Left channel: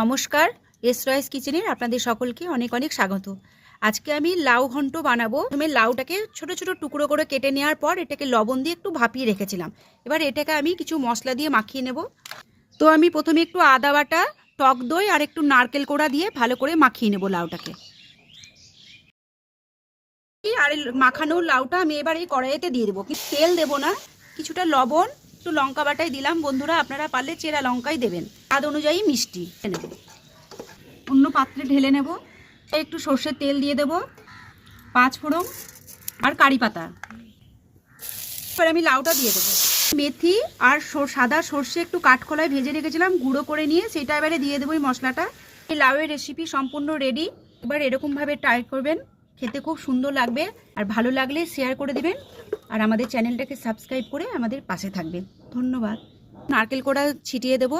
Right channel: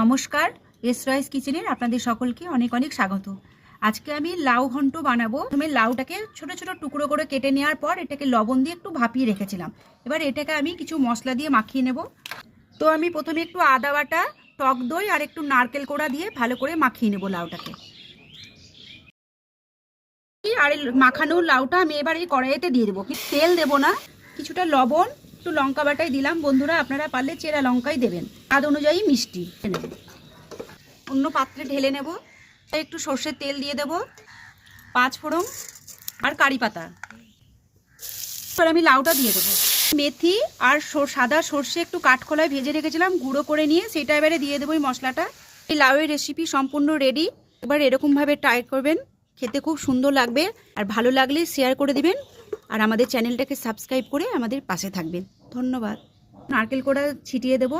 নমস্কার, S rice কিচেনের আপনাদের সকলকে অনেক অনেক স্বাগত। আজকে আমি লাউ ঘন্ট বানাবো। প্রথমে লাউটাকে ছোট ছোট টুকরো করে কেটে নেওয়ার পর এটাকে লবণ দিয়ে একটু ভাপিয়ে রেখেছিলাম। এবার এটাকে আমি কিছু মশলা দিয়ে মাখিয়ে নেব। তো আমি প্রথমে একটু আদা বাটা, টক দই আর একটু নারকেল কোড়া দিয়ে ভালো করে মাখিয়ে নেব লাউটাকে। আর মাখানো লাউটা আমি এবার এই কড়াইতে দিয়ে দেবো, তেল দেবো না। কিছুটা লবণ, একটু লঙ্কা বাটাই দিলাম। বন্ধুরা, আপনারা পারলে চেরা লঙ্কাই দেবেন, স্বাদ অনুযায়ী মিষ্টি নেব। অন্য পাত্রে ঢেলে নেব। একটু সর্ষের তেল দিয়ে দেব, 5 ফোড়ন আর কারি পাতা। এবার আমি লাউটা দিয়ে দেবো। মেথি আর সাদা সর্ষে একটু কাঠখোলায় ভেজে রেখেছিলাম, গুঁড়ো করে নিয়ে সেটা এবারে দিয়ে দেবো এই মশলাটা। এই লাউয়ের রেসিপি সম্পূর্ণ রেডি। এবার এরকমভাবে ট্রাই করবেন, খেতে খুব সুন্দর লাগবে। আর ভালো লাগলে শেয়ার করে দিবেন আর আমাদের চ্যানেলটাকে সাবস্ক্রাইব করে আমাদের পাশে থাকবেন। ধন্যবাদ। নারকেল কোড়া ছিটিয়ে দেবো।